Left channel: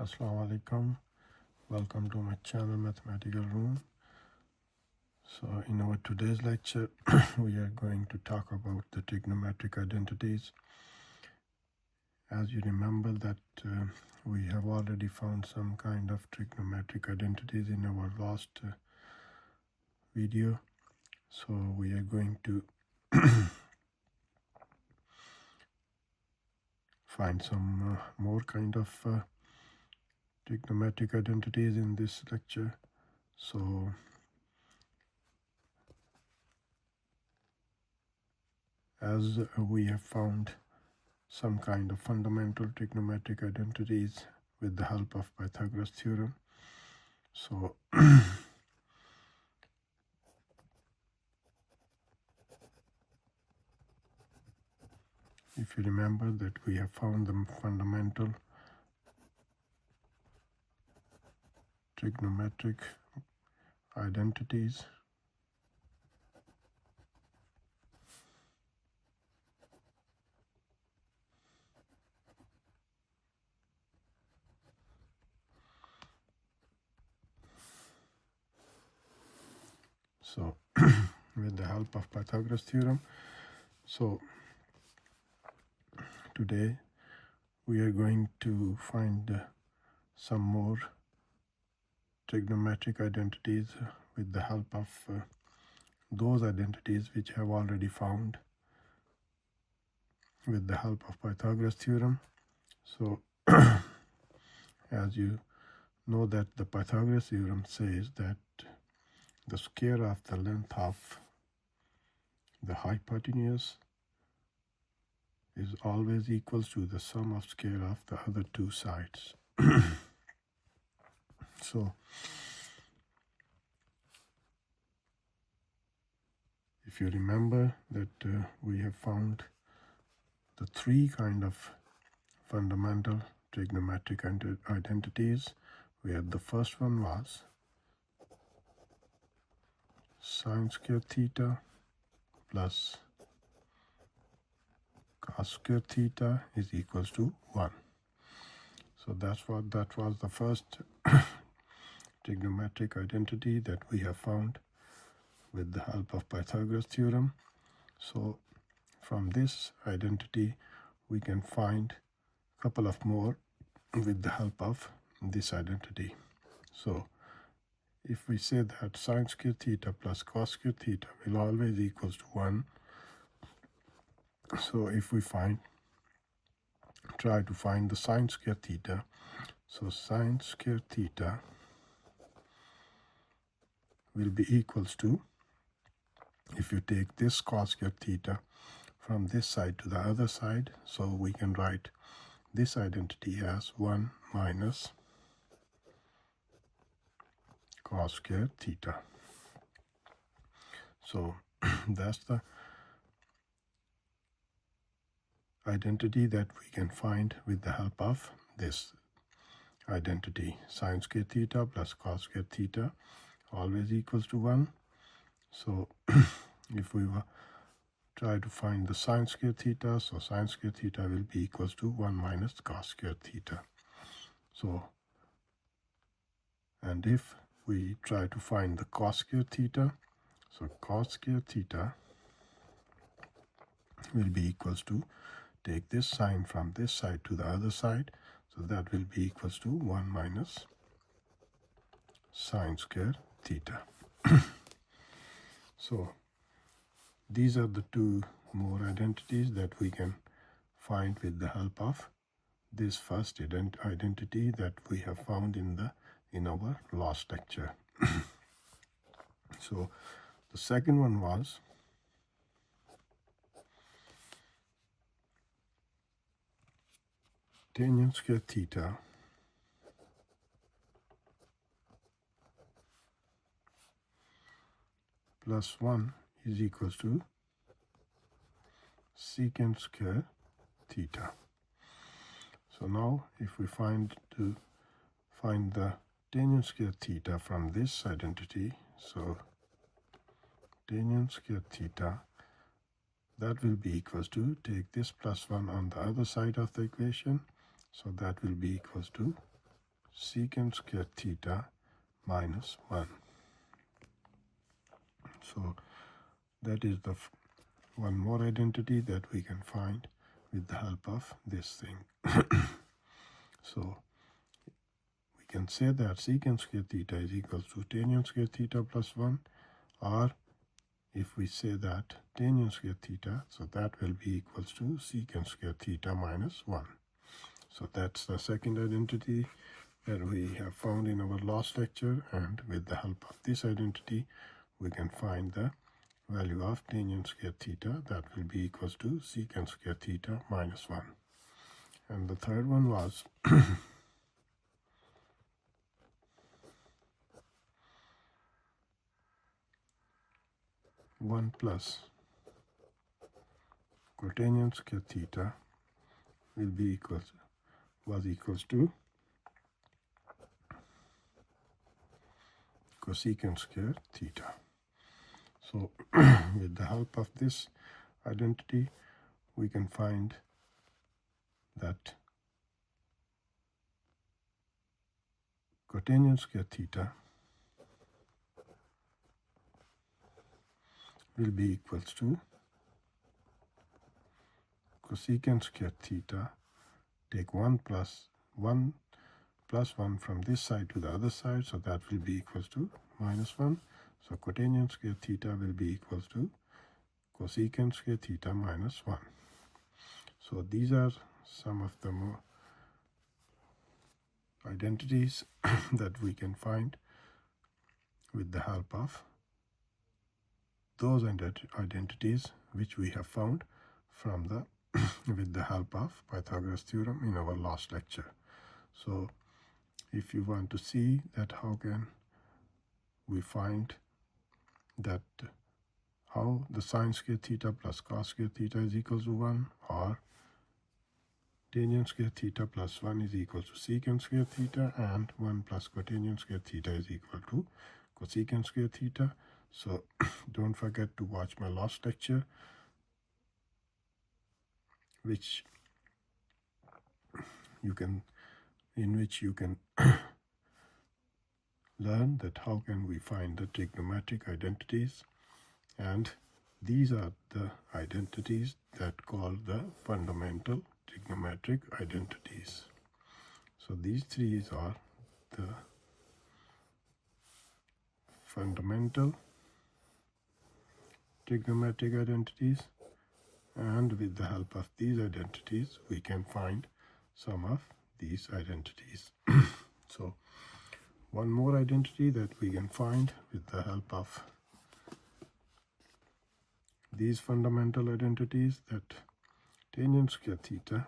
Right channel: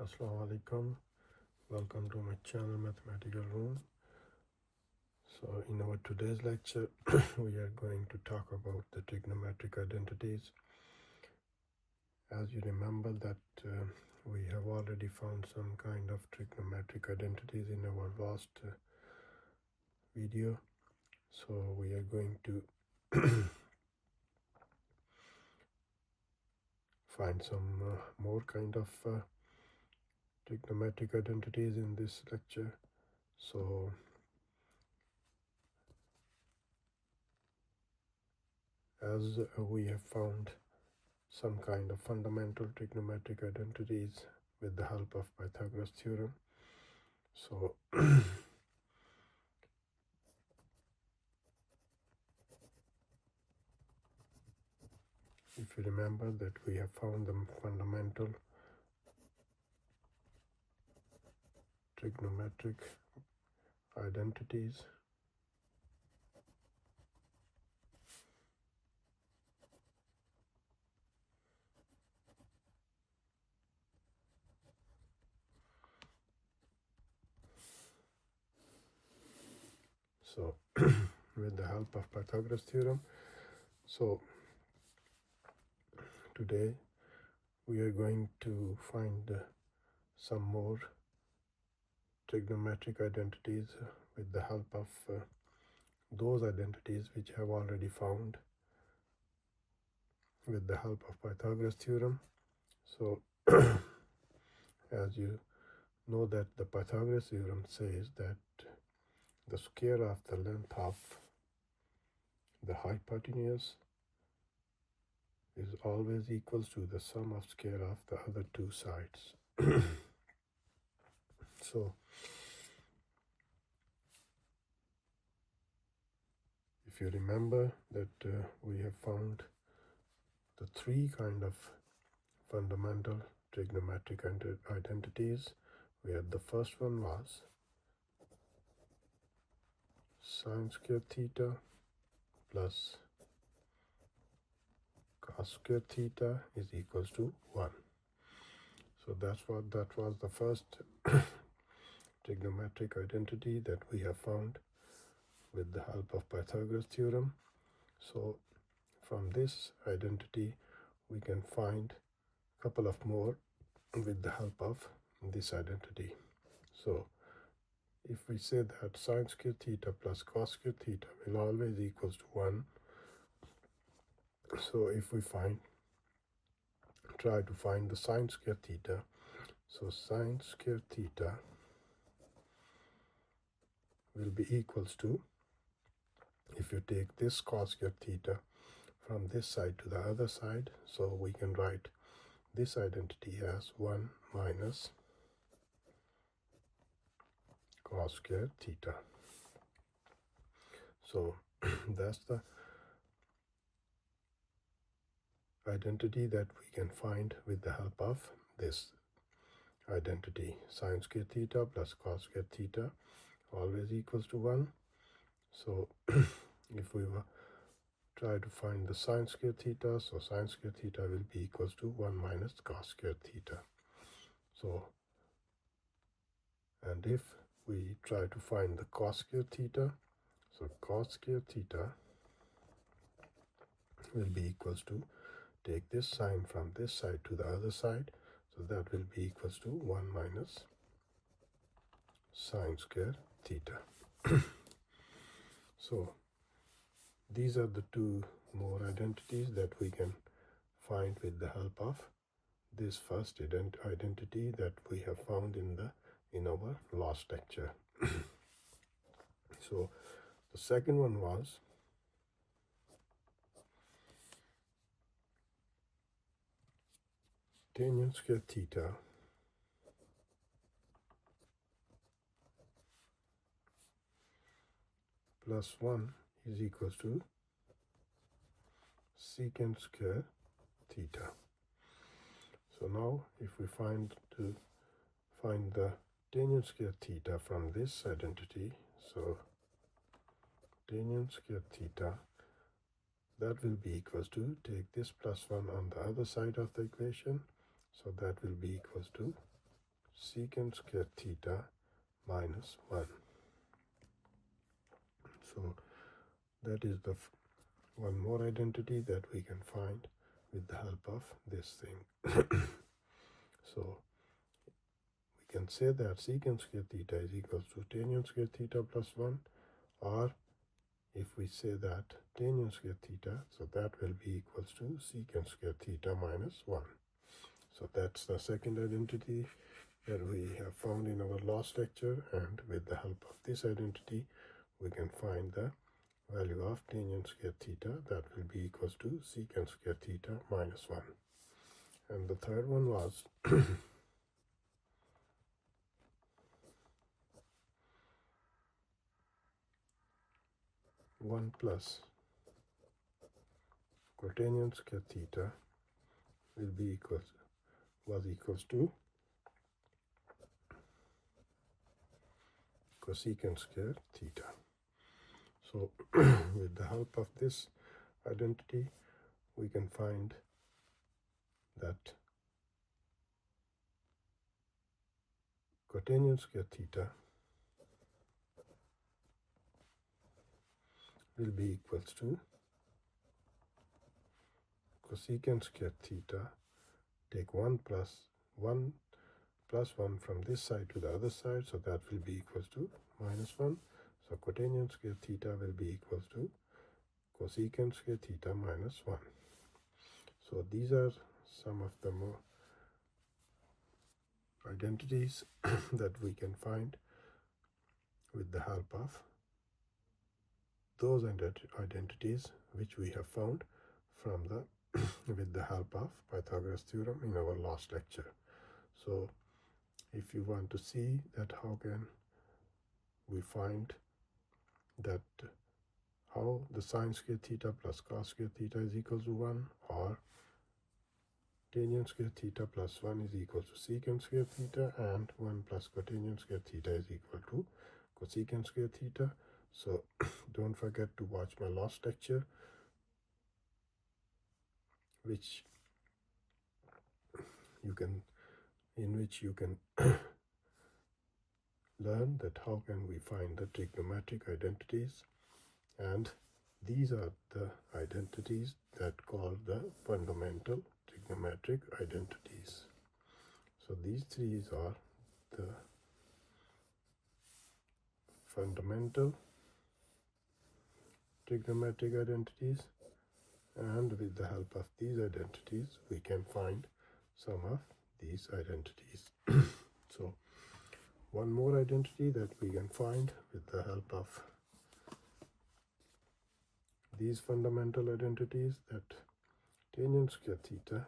Assalamu alaikum. Welcome to my channel Mathematical Room. So in our today's lecture we are going to talk about the trigonometric identities. As you remember that we have already found some kind of trigonometric identities in our last video. So we are going to find some more kind of trigonometric identities in this lecture. So as we have found some kind of fundamental trigonometric identities with the help of Pythagoras theorem. So if you remember that we have found the fundamental trigonometric identities. So with the help of Pythagoras theorem. So today we are going to find some more trigonometric identities with the help of those identities which have already found with the help of Pythagoras theorem. So as you know that the Pythagoras theorem says that the square of the length of the hypotenuse is always equals to the sum of square of the other two sides. So if you remember that we have found the three kind of fundamental trigonometric identities, where the first one was sine square theta plus cos square theta is equals to 1. So that was the first trigonometric identity that we have found with the help of Pythagoras theorem. So from this identity we can find a couple of more with the help of this identity. So if we say that sine square theta plus cos square theta will always equals to 1, so if we try to find the sine square theta, so sine square theta will be equals to, if you take this cos square theta from this side to the other side, so we can write this identity as 1 minus cos square theta. So that's the identity that we can find with the help of this identity. Sine square theta plus cos square theta always equals to 1. So if we try to find the sine square theta, so sine square theta will be equals to 1 minus cos square theta. So, and if we try to find the cos square theta, so cos square theta will be equals to, take this sine from this side to the other side, so that will be equals to 1 minus sine square theta. So these are the two more identities that we can find with the help of this first identity that we have found in our last lecture. So the second one was tangent square theta plus 1 is equals to secant square theta. So now if we find the tangent square theta from this identity, so tangent square theta, that will be equals to, take this plus 1 on the other side of the equation, so that will be equals to secant square theta minus 1. So that is the one more identity that we can find with the help of this thing. So we can say that secant square theta is equal to tangent square theta plus 1, or if we say that tangent square theta, so that will be equals to secant square theta minus 1. So that's the second identity that we have found in our last lecture, and with the help of this identity we can find the value of tangent square theta, that will be equals to secant square theta minus 1. And the third one was 1 plus cotangent square theta will be equals to cosecant square theta. So with the help of this identity we can find that cotangent square theta will be equals to cosecant square theta, take 1 plus 1 from this side to the other side, so that will be equals to minus 1. So cotangent square theta will be equals to cosecant square theta minus 1. So these are some of the more identities that we can find with the help of those identities which we have found from the with the help of Pythagoras theorem in our last lecture. So if you want to see that how can we find that how the sine square theta plus cos square theta is equal to 1, or tangent square theta plus 1 is equal to secant square theta, and 1 plus cotangent square theta is equal to cosecant square theta. So don't forget to watch my last lecture, in which you can learn that how can we find the trigonometric identities, and these are the identities that call the fundamental trigonometric identities. So these three are the fundamental trigonometric identities, and with the help of these identities we can find some of these identities. So one more identity that we can find with the help of these fundamental identities, that tangent square theta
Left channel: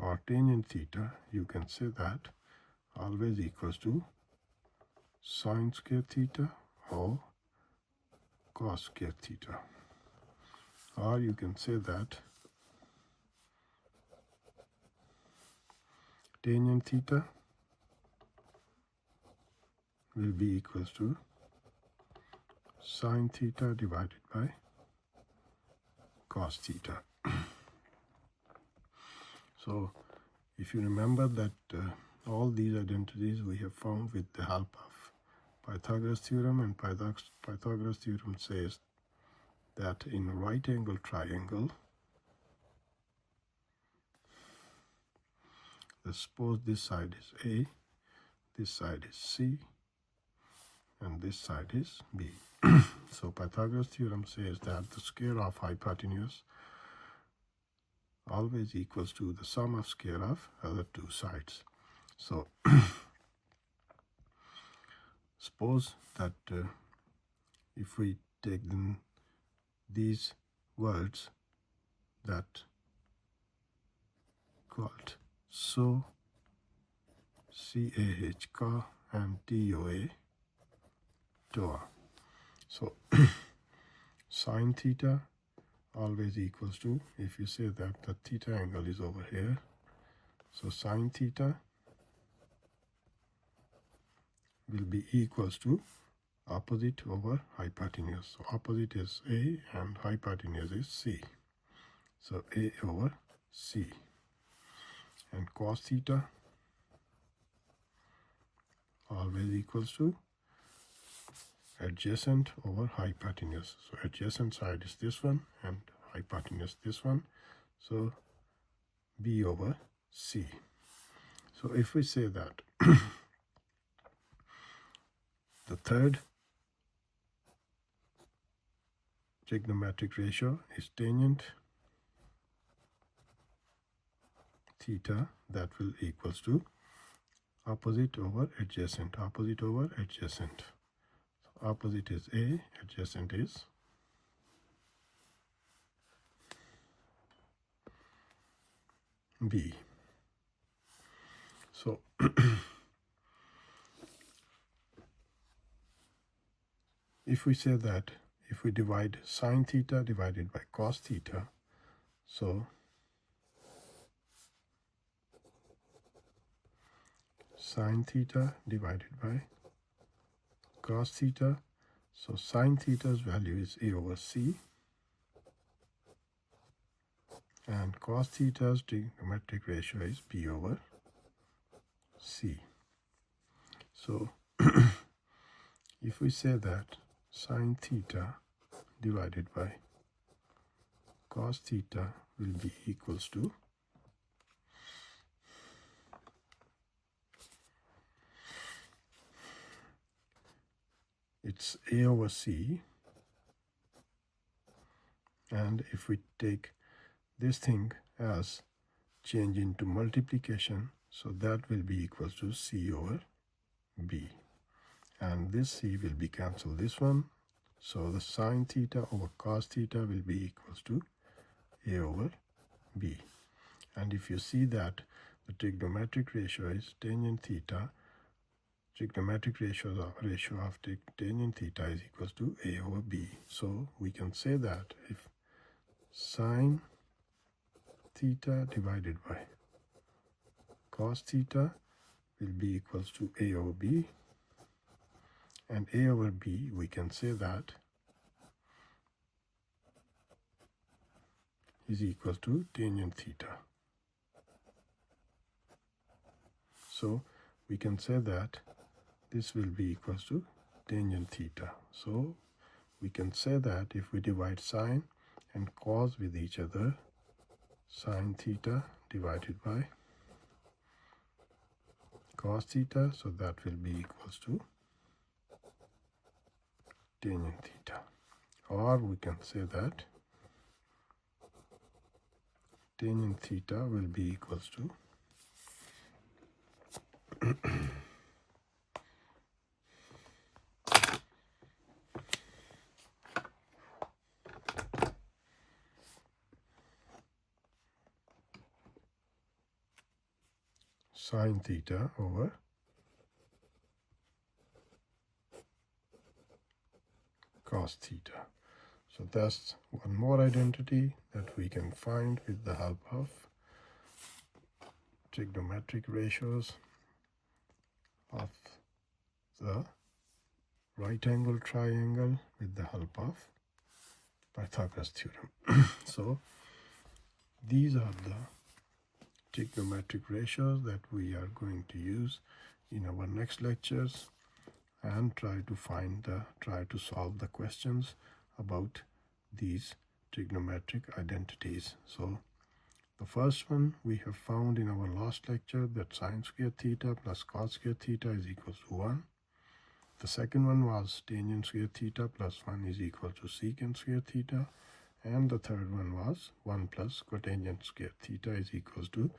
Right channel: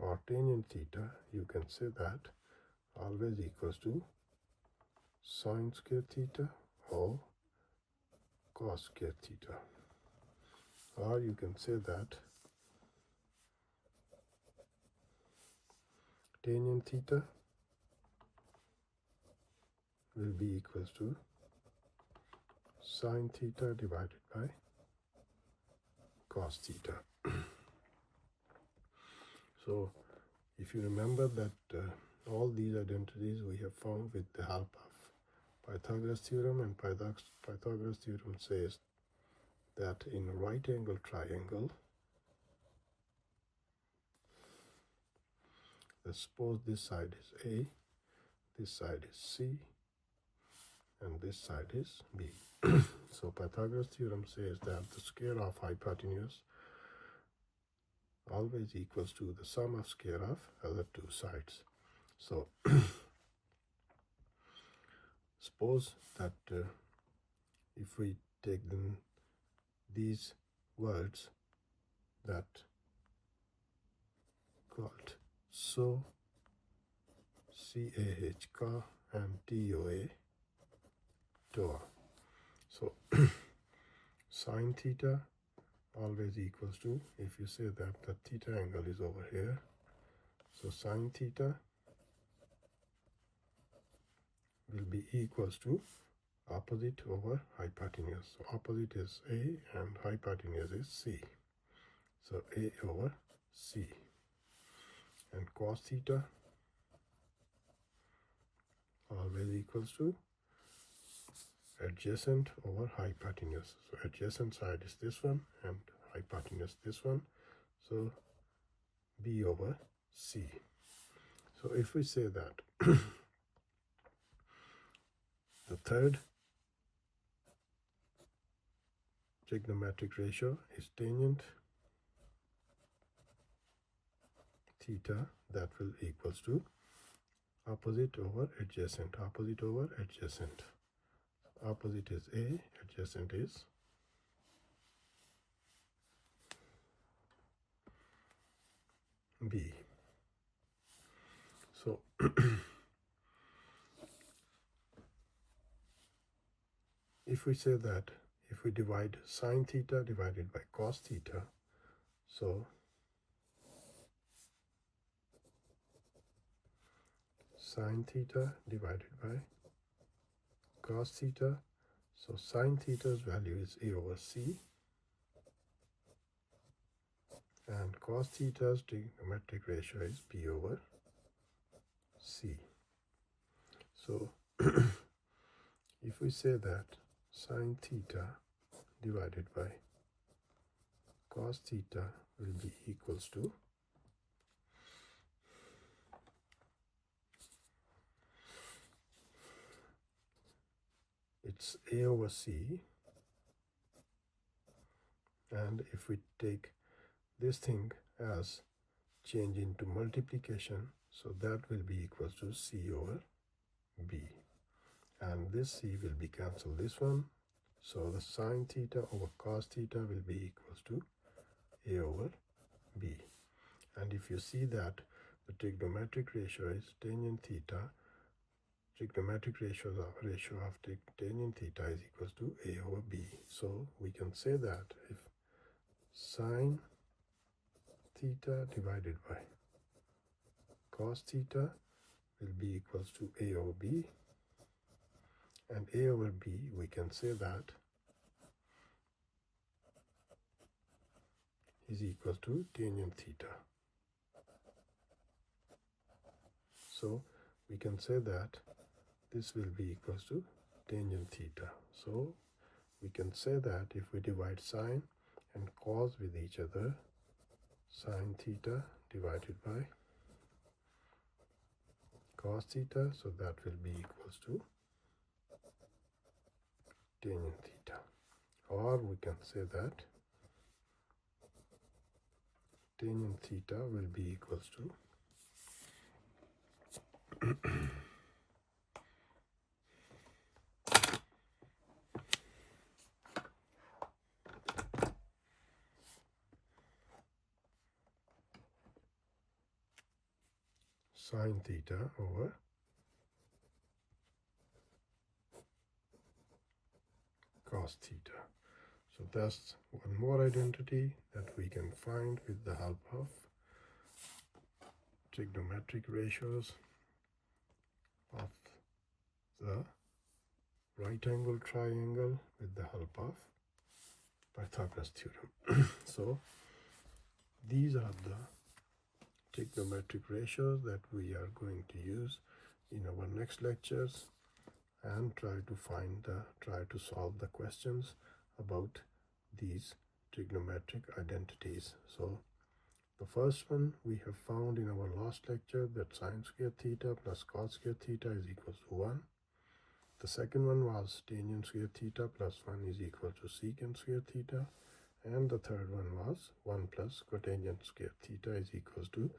or tangent theta, you can say that always equals to sine square theta or cos square theta, or you can say that tangent theta will be equals to sine theta divided by cos theta. So if you remember that all these identities we have found with the help of Pythagoras theorem, and Pythagoras theorem says that in a right angle triangle, let's suppose this side is A, this side is C, and this side is B. So Pythagoras theorem says that the square of hypotenuse always equals to the sum of square of other two sides. So suppose that if we take these words that called so, CAH, ka, and TOA, toa. So sine theta always equals to, if you say that the theta angle is over here, so sine theta will be equals to opposite over hypotenuse. So opposite is A and hypotenuse is C. So A over C. and cos theta always equals to adjacent over hypotenuse. So adjacent side is this one and hypotenuse this one. So B over C. So if we say that the third trigonometric ratio is tangent theta, that will equals to opposite over adjacent. Opposite over adjacent. Opposite is A, adjacent is B. So if we say that if we divide sine theta divided by cos theta, so sine theta divided by cos theta, so sine theta's value is A over C and cos theta's trigonometric ratio is B over C. So if we say that sine theta divided by cos theta will be equals to it's A over C, and if we take this thing as change into multiplication, so that will be equals to C over B, and this C will be cancelled this one, so the sine theta over cos theta will be equals to A over B. And if you see that the trigonometric ratio is tangent theta, trigonometric ratio of tangent theta is equals to A over B. So we can say that if sine theta divided by cos theta will be equals to A over B, and A over B we can say that is equal to tangent theta. So we can say that this will be equals to tangent theta. So we can say that if we divide sine and cos with each other, sine theta divided by cos theta, so that will be equals to tangent theta. Or we can say that tangent theta will be equals to sine theta over cos theta. So that's one more identity that we can find with the help of trigonometric ratios of the right angle triangle with the help of Pythagoras theorem. So these are the trigonometric ratios that we are going to use in our next lectures and try to solve the questions about these trigonometric identities. So the first one we have found in our last lecture, that sine square theta plus cos square theta is equal to 1. The second one was tangent square theta plus 1 is equal to secant square theta. And the third one was 1 plus cotangent square theta is equals to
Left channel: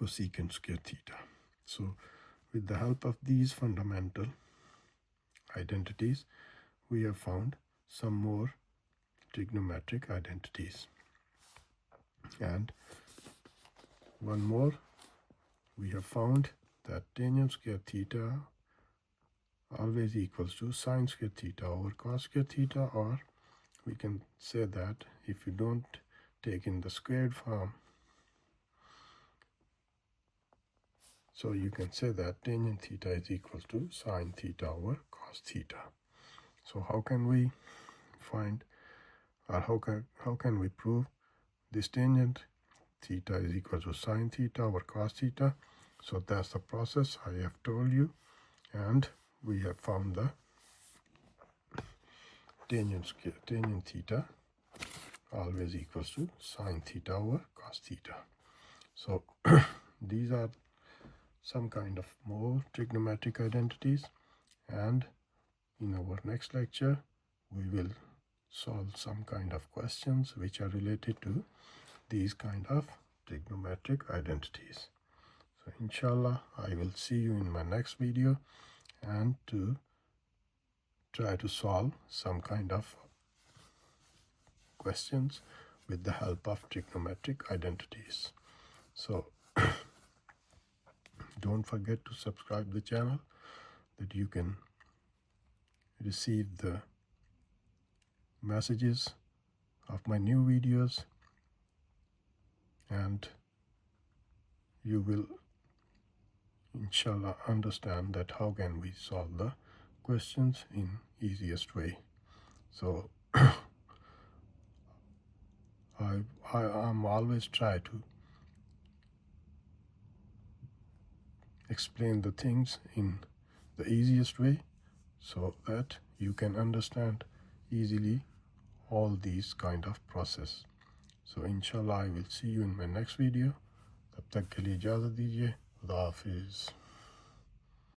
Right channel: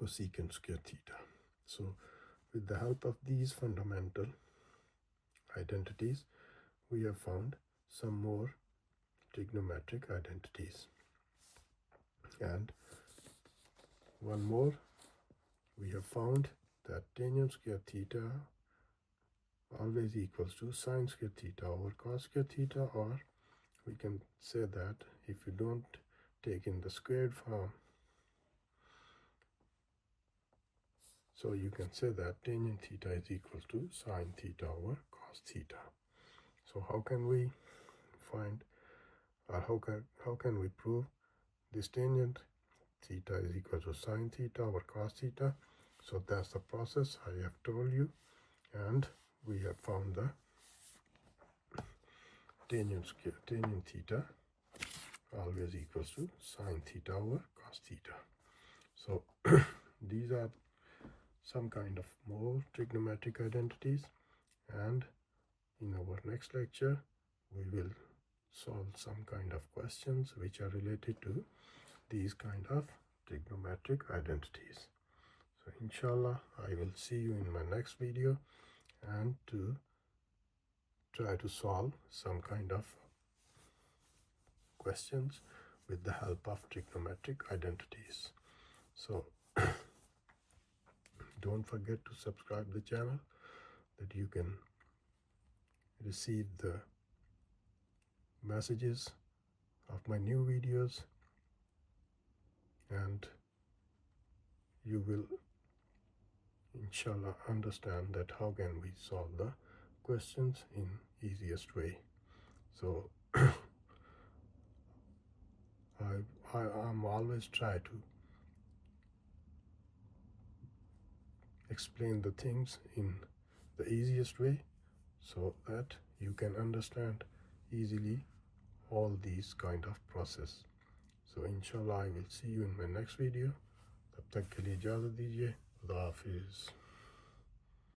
cosecant square theta. So with the help of these fundamental identities, we have found some more trigonometric identities. And one more, we have found that tangent square theta always equals to sine square theta over cos square theta, or we can say that if you don't take in the squared form, so you can say that tangent theta is equal to sine theta over cos theta. So how can we find, or how can we prove this tangent theta is equal to sine theta over cos theta. So that's the process I have told you, and we have found the tangent theta always equals to sine theta over cos theta. So these are some kind of more trigonometric identities, and in our next lecture we will solve some kind of questions which are related to these kind of trigonometric identities. So inshallah I will see you in my next video, and to try to solve some kind of questions with the help of trigonometric identities. So don't forget to subscribe the channel that you can receive the messages of my new videos, and you will inshallah understand that how can we solve the questions in easiest way. So I'm always try to explain the things in the easiest way so that you can understand easily all these kind of process. So inshallah I will see you in my next video. तब तक के लिए इजाज़त दीजिए. खुदा हाफिज़.